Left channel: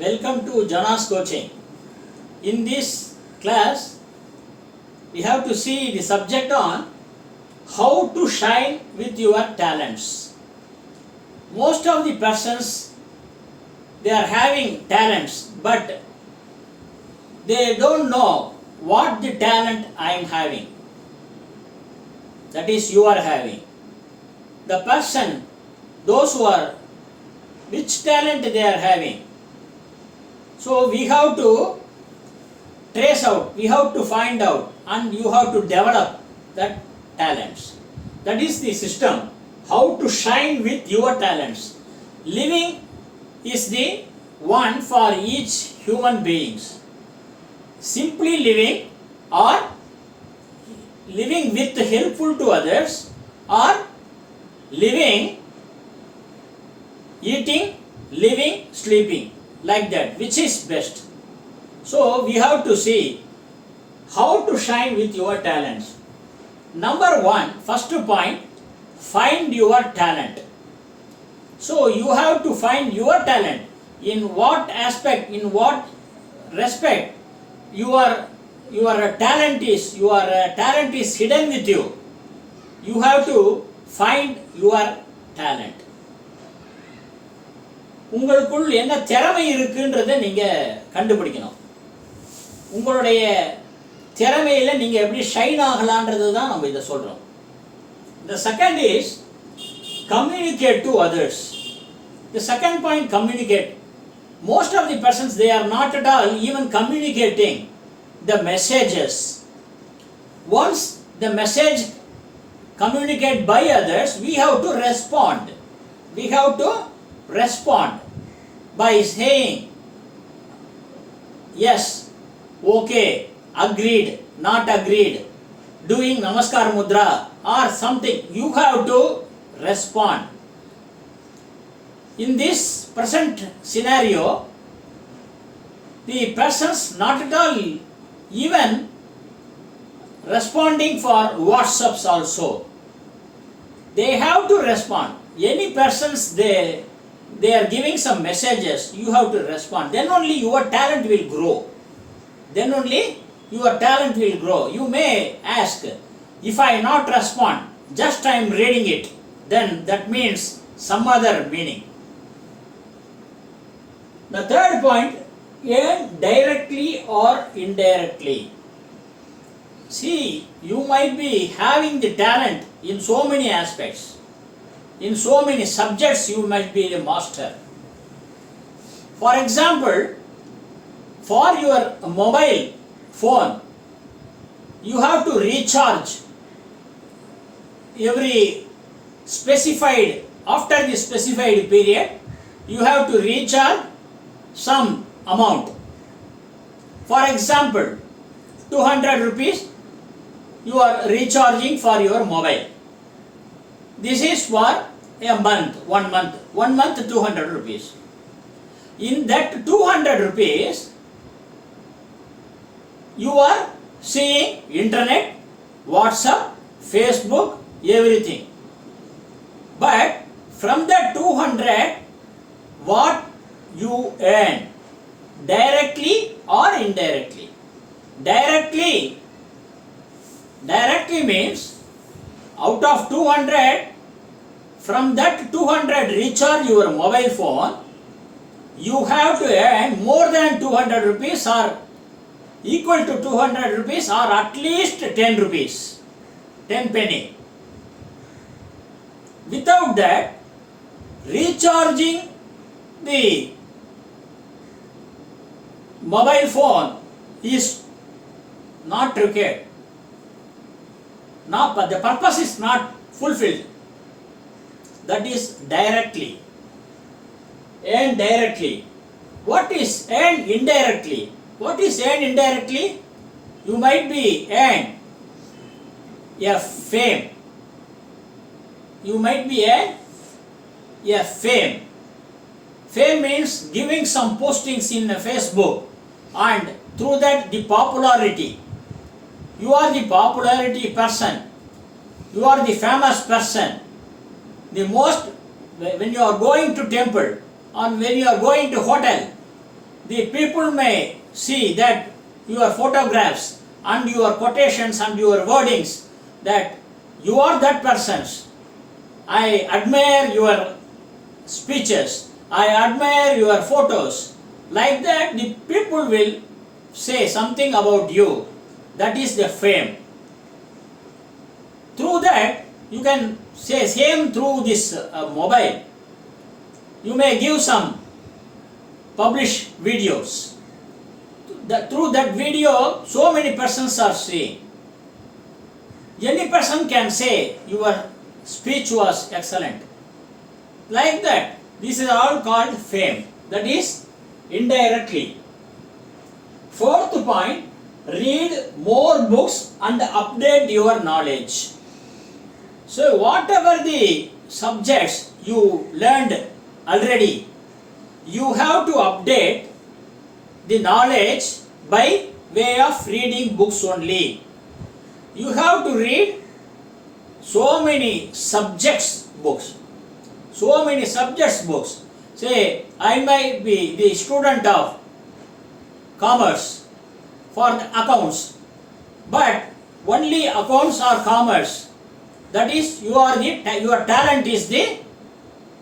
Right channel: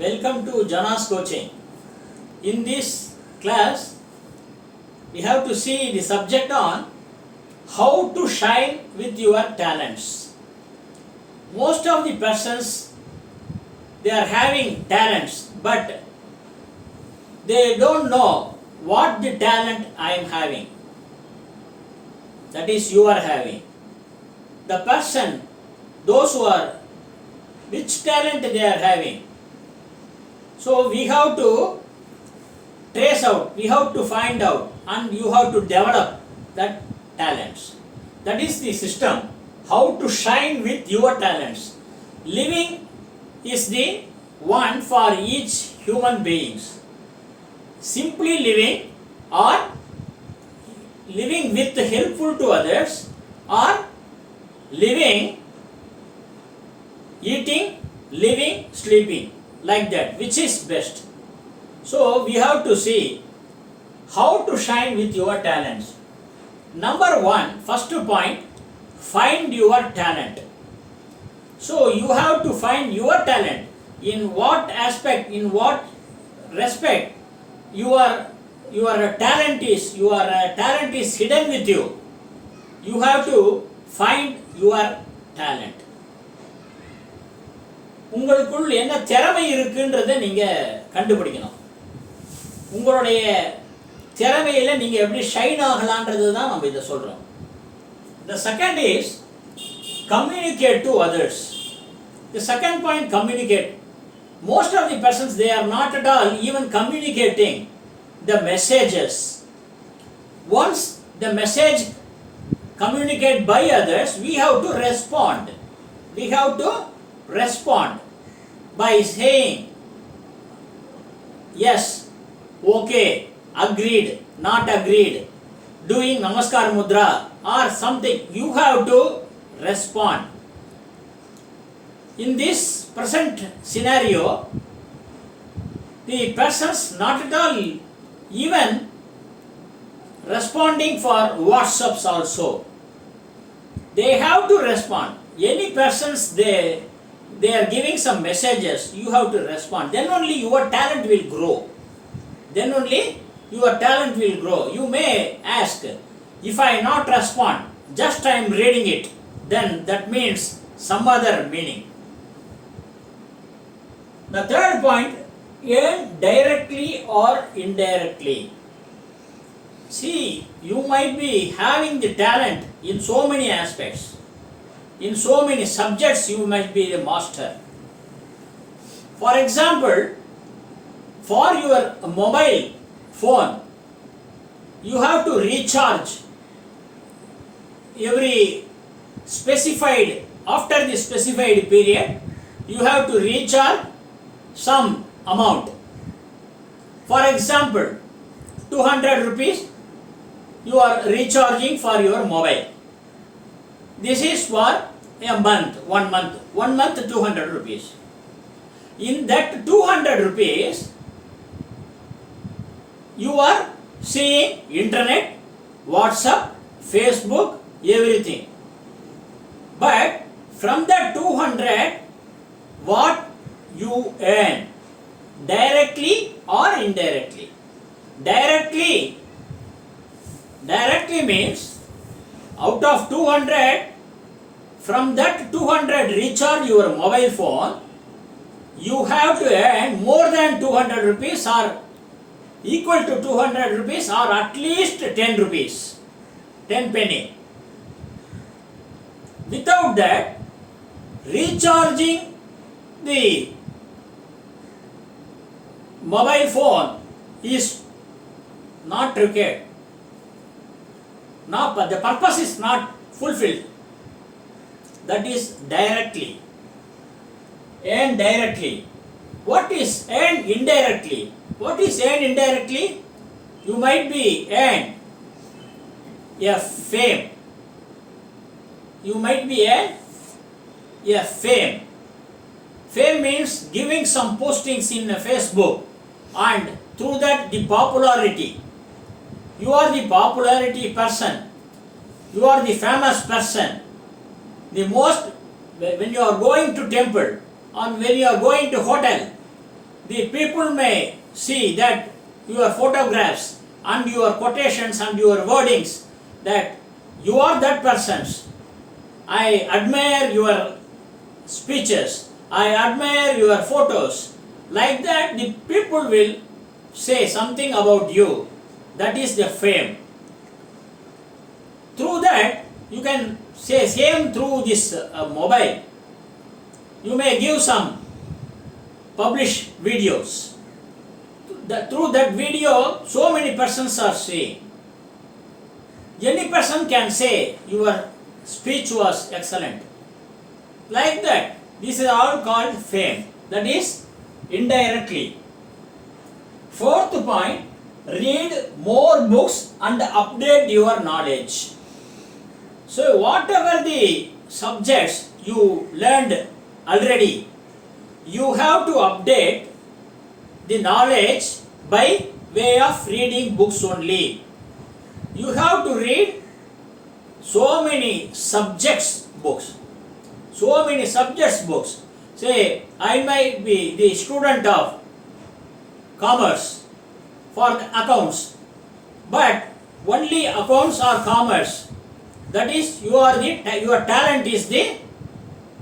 Welcome to Jana's coaching. In this class, we have to see the subject on how to shine with your talents. Most of the persons, they are having talents, but they don't know what the talent I am having. That is, you are having. The person, those who are, which talent they are having. So we have to trace out, we have to find out, and you have to develop that talents. That is the system, how to shine with your talents. Living is the one for each human beings. Simply living or living with helpful to others, or living, eating, living, sleeping, like that, which is best. So we have to see how to shine with your talents. Number one, first point, find your talent. So you have to find your talent. In what aspect, in what respect your talent is hidden with you. You have to find your talent. உங்களுக்குள் என்ன திறமை இருக்குன்றதை நீங்க கண்டுபிடிக்கணும். உங்களுடைய திறமையில நீங்க எப்படி shine ஆகலாம்ன்றது தான் நம்ம இத சொல்றோம். The second is communicate to others. The second point, communicate. Most of the persons, they are not at all even communicating the messages. Once the message communicated by others, we have to respond. We have to respond by saying yes, okay, agreed, not agreed, doing namaskar mudra or something. You have to respond. In this present scenario, the persons not at all even responding for WhatsApps also. They have to respond. Any persons, they are giving some messages, you have to respond. Then only your talent will grow. Then only your talent will grow. You may ask, if I not respond, just I am reading it, then that means some other meaning. The third point, earn directly or indirectly. See, you might be having the talent in so many aspects. In so many subjects, you might be the master. For example, for your mobile phone, you have to recharge every specified, after the specified period, you have to recharge some amount. For example, 200 rupees you are recharging for your mobile. This is for a month, 1 month. 1 month 200 rupees. In that 200 rupees, you are seeing internet, WhatsApp, Facebook, everything. But from that 200, what you earn? Directly or indirectly? Directly means out of 200, from that 200 recharge your mobile phone, you have to earn more than 200 rupees or equal to 200 rupees or at least 10 rupees, 10 penny. Without that, recharging the mobile phone is not required. Now, the purpose is not fulfilled. That is directly. Earn directly. What is earn indirectly? What is earn indirectly? You might be earn a fame. You might be earn a fame. Fame means giving some postings in Facebook, and through that the popularity. You are the popularity person. You are the famous person. The most, when you are going to temple and when you are going to hotel, the people may see that your photographs and your quotations and your wordings, that you are that person's. I admire your speeches, I admire your photos. Like that, the people will say something about you. That is the fame. Through that, you can say same through this mobile. You may give some publish videos. Through that video, so many persons are seeing. Any person can say your speech was excellent. Like that, this is all called fame. That is indirectly. Fourth point, read more books and update your knowledge. So whatever the subjects you learned already, you have to update the knowledge by way of reading books only. You have to read so many subjects books. So many subjects books. Say, I might be the student of commerce for the accounts, but only accounts or commerce. That is, your talent is the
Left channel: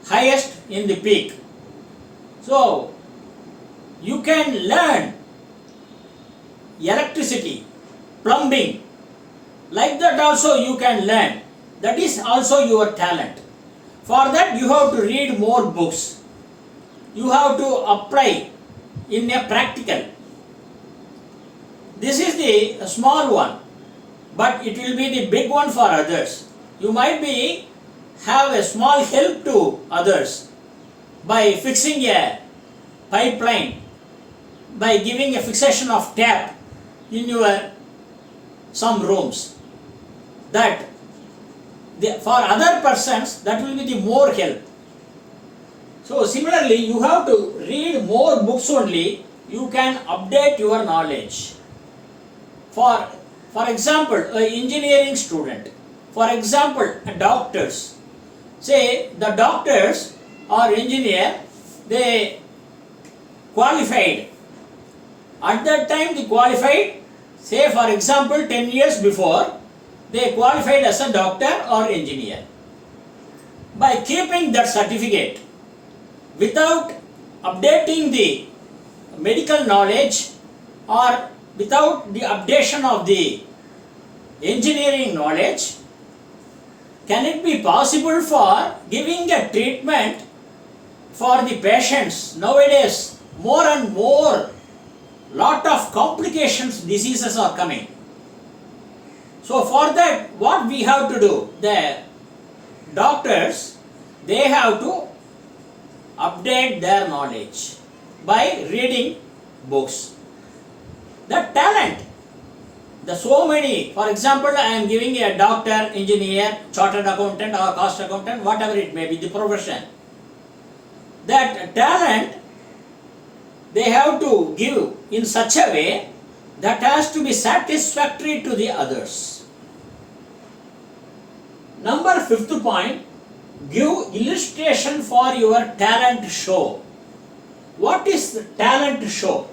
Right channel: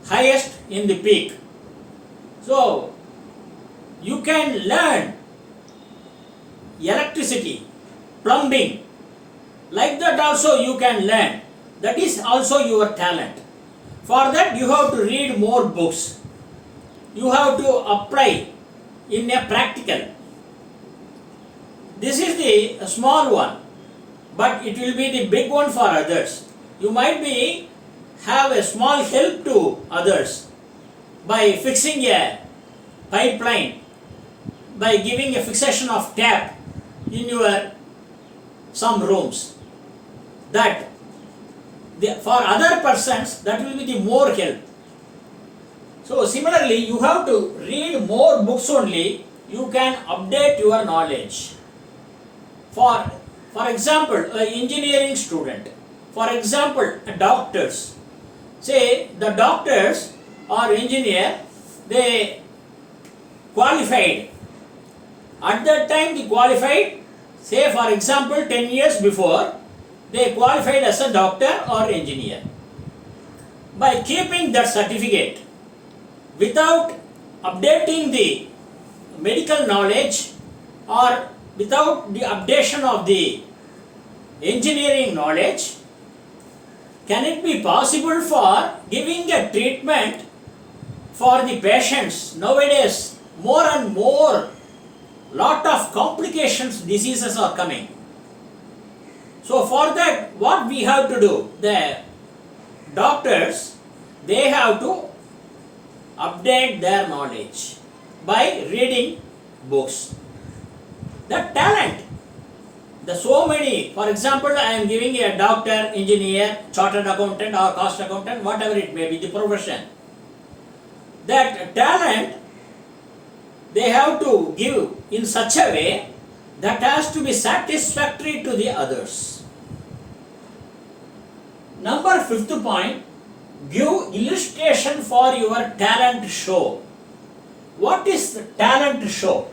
highest in the peak. So, you can learn electricity, plumbing. Like that also you can learn. That is also your talent. For that you have to read more books. You have to apply in a practical. This is the small one, but it will be the big one for others. You might be have a small help to others by fixing a pipeline, by giving a fixation of tap in your some rooms. That for other persons that will be the more help. So similarly, you have to read more books only. You can update your knowledge. For example, an engineering student. For example, doctors. Say the doctors or engineer, they qualified. At that time they qualified, say for example 10 years before, they qualified as a doctor or engineer. By keeping that certificate, without updating the medical knowledge or without the updation of the engineering knowledge, can it be possible for giving a treatment for the patients? Nowadays, more and more, lot of complications, diseases are coming. So for that, what we have to do? The doctors, they have to update their knowledge by reading books. The talent, the so many, for example, I am giving a doctor, engineer, chartered accountant or cost accountant, whatever it may be, the profession. That talent, they have to give in such a way that has to be satisfactory to the others. Number fifth point, give illustration for your talent show. What is the talent show?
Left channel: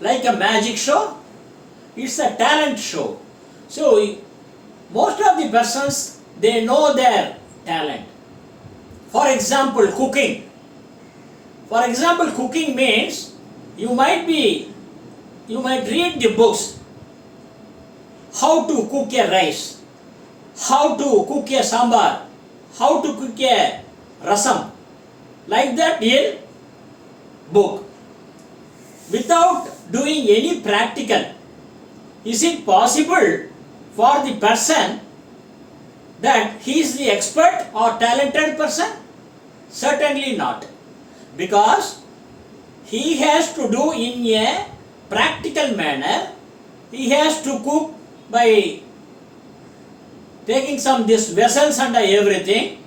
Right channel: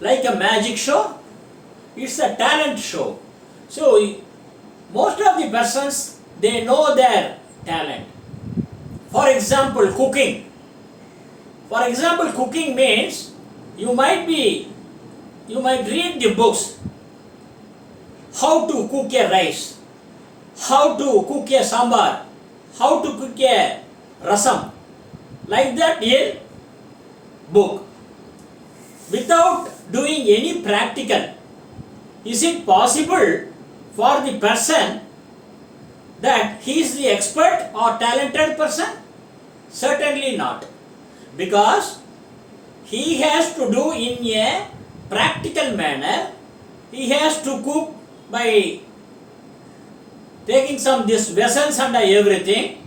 Like a magic show? It's a talent show. So most of the persons, they know their talent. For example, cooking. For example, cooking means you might read the books how to cook a rice, how to cook a sambar, how to cook a rasam, like that in book. Without doing any practical, is it possible for the person that he is the expert or talented person? Certainly not. Because he has to do in a practical manner. He has to cook by taking some this vessels and everything,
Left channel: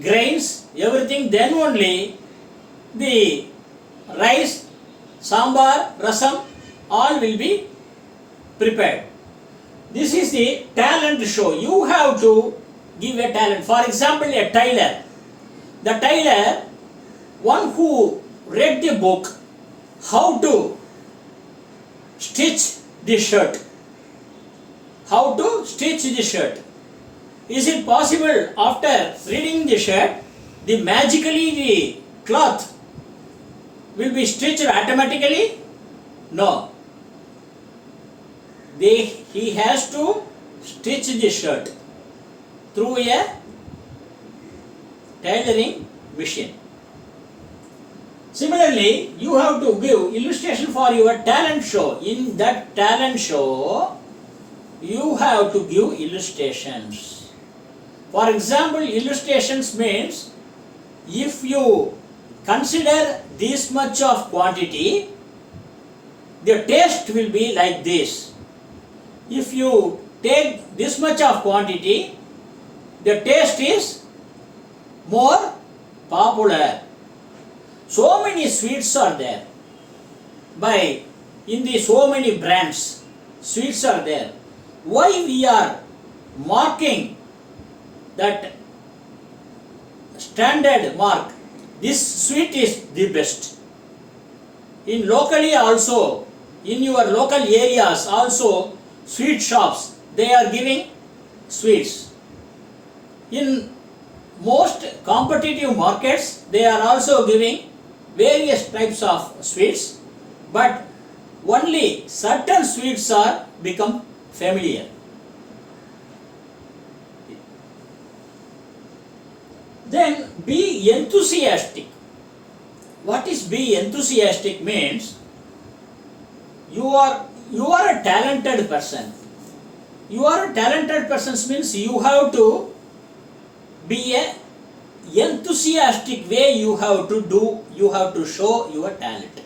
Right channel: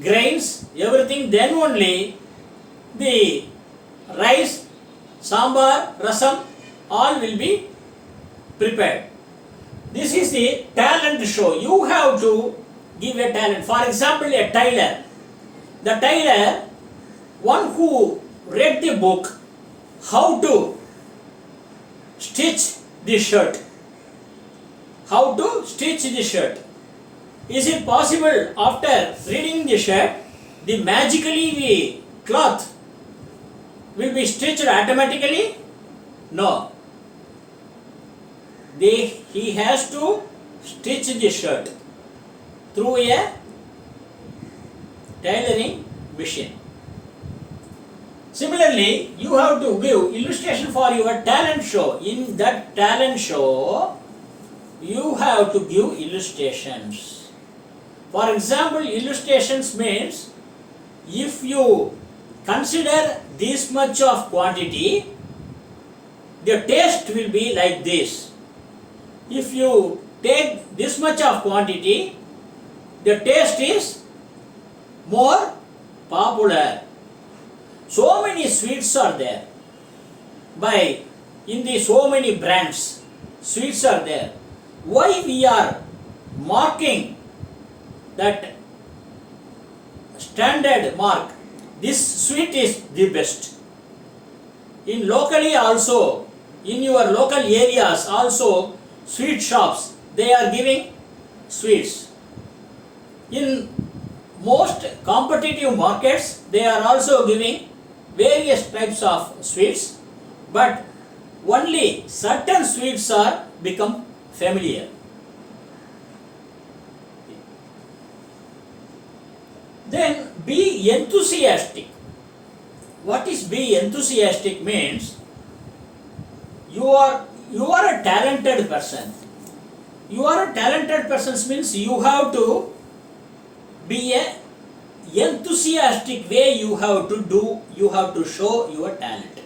grains, everything, then only the rice, sambar, rasam, all will be prepared. This is the talent show. You have to give a talent. For example, a tailor. The tailor, one who read the book how to stitch the shirt. How to stitch the shirt. Is it possible after reading the shirt, the cloth will be stitched automatically? No. He has to stitch the shirt through a tailoring machine. Similarly, you have to give illustration for your talent show. In that talent show, you have to give illustrations. For example, illustrations means if you consider this much of quantity, the taste will be like this. If you take this much of quantity, the taste is more popular. So many sweets are there. So many brands, sweets are there. Why we are marking that standard mark? This sweet is the best. In locally also, in your local areas also, sweet shops, they are giving sweets. In most competitive markets, they are also giving various types of sweets, but only certain sweets are become familiar. Then be enthusiastic. What is be enthusiastic means? You are a talented person. You are a talented person means you have to be a enthusiastic way you have to show your talent.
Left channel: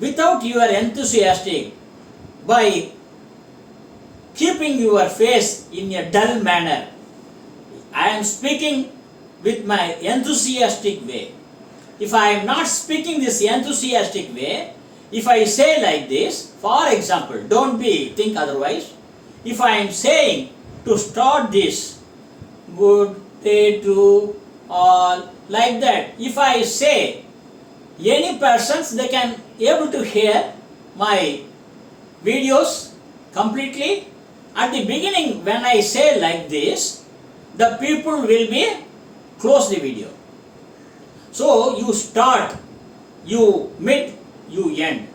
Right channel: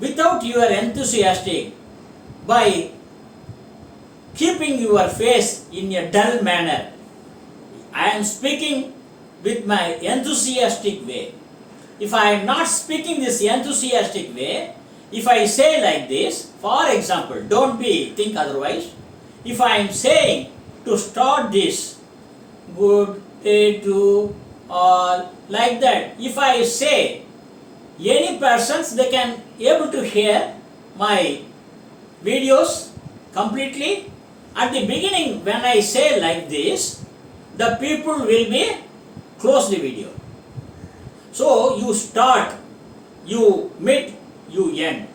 Without your enthusiastic, by keeping your face in a dull manner, I am speaking with my enthusiastic way. If I am not speaking this enthusiastic way, if I say like this, for example, don't think otherwise. If I am saying to start this, good day to all, like that, if I say, any persons, they can able to hear my videos completely. At the beginning, when I say like this, the people will be close the video. So you start, you mid, you end.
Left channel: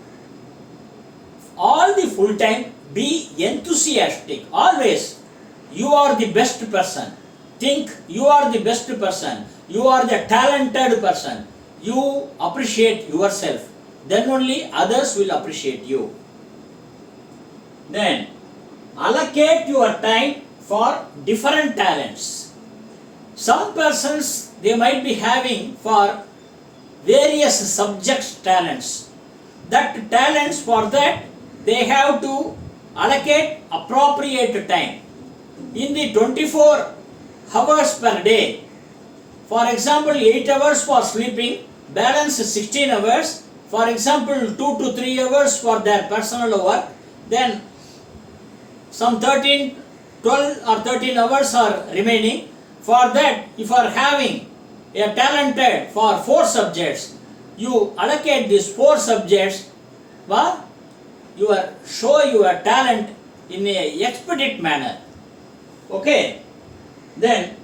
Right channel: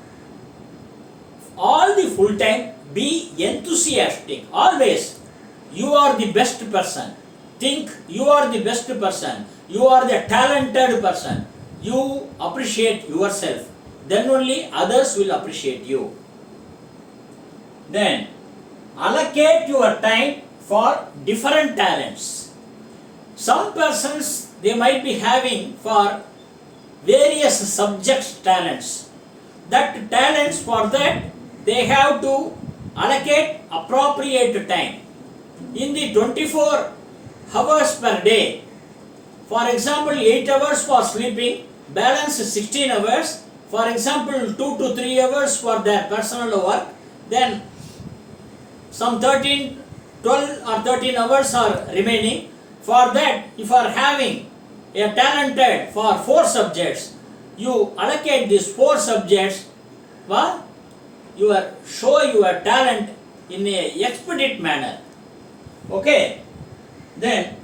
All the full time, be enthusiastic. Always, you are the best person. Think you are the best person. You are the talented person. You appreciate yourself. Then only others will appreciate you. Then, allocate your time for different talents. Some persons, they might be having for various subjects talents. That talents, for that, they have to allocate appropriate time. In the 24 hours per day, for example, 8 hours for sleeping, balance 16 hours, for example, 2 to 3 hours for their personal work, then some 12 or 13 hours are remaining. For that, if you are having a talented for 4 subjects, you allocate these 4 subjects, well, you show your talent in a expedite manner. Okay? Then,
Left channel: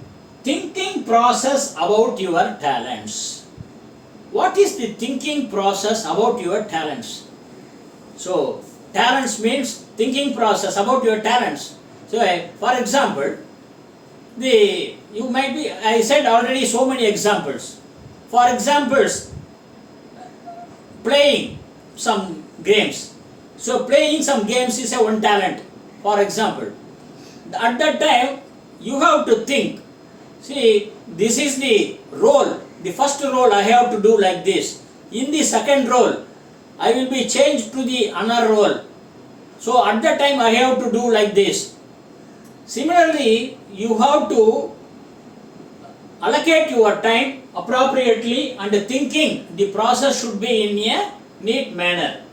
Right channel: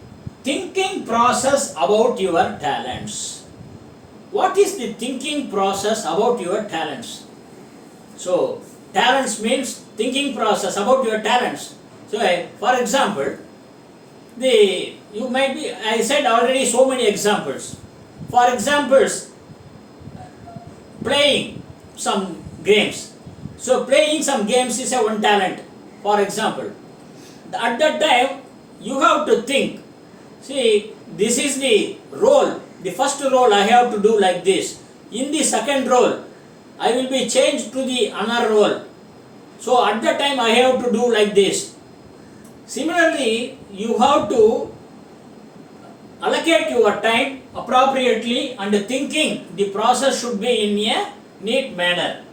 thinking process about your talents. What is the thinking process about your talents? So, talents means thinking process about your talents. So, for example, I said already so many examples. For examples, playing some games. So, playing some games is a one talent, for example. At that time, you have to think, see, this is the role, the first role I have to do like this. In the second role, I will be changed to the another role. So at that time I have to do like this. Similarly, you have to allocate your time appropriately and thinking the process should be in a neat manner.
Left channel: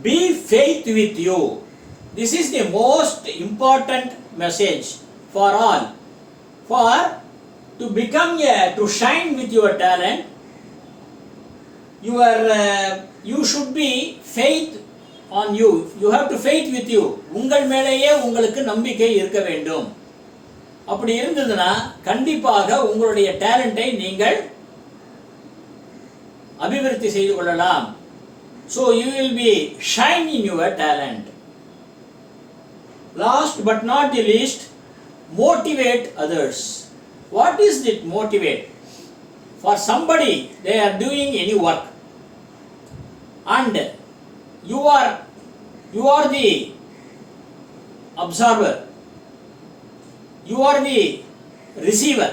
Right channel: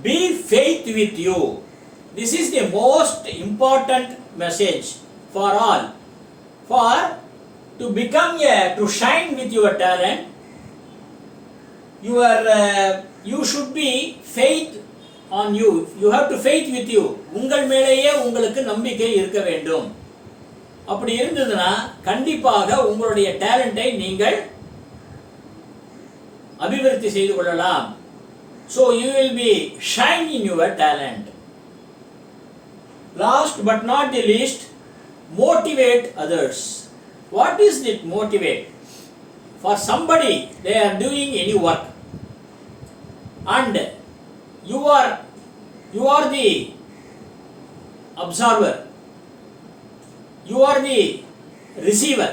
Be faith with you. This is the most important message for all. For to become to shine with your talent, you should be faith on you. You have to faith with you. உங்கள் மேலேயே உங்களுக்கு நம்பிக்கை இருக்க வேண்டும். அப்படி இருந்ததுன்னா கண்டிப்பாக உங்களுடைய டேலண்டை நீங்கள் அபிவிருத்தி செய்து கொள்ளலாம். So you will be shine in your talent. Last but not the least, motivate others. What is it motivate? For somebody, they are doing any work and you are the observer, you are the receiver,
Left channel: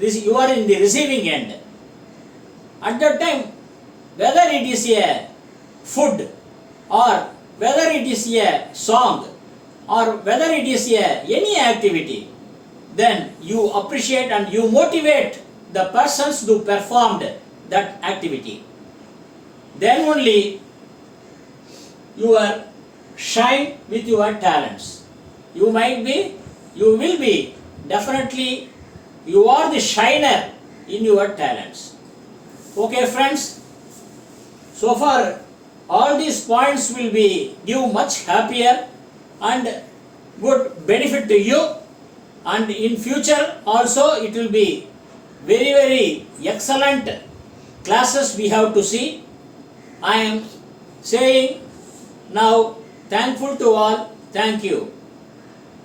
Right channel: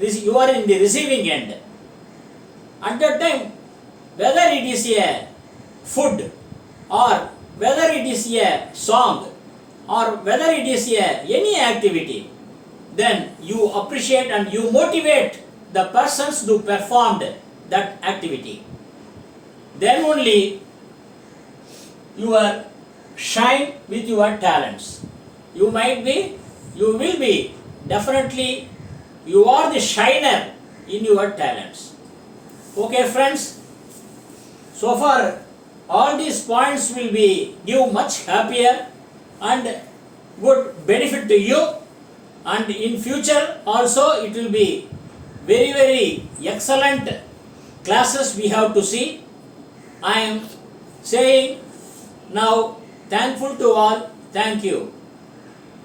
you are in the receiving end. At that time, whether it is a food or whether it is a song or whether it is any activity, then you appreciate and you motivate the persons who performed that activity. Then only you are shine with your talents. You will be definitely, you are the shiner in your talents. Okay friends, so far all these points will be give much happier and good benefit to you, and in future also it will be very very excellent classes we have to see. I am saying now thankful to all. Thank you.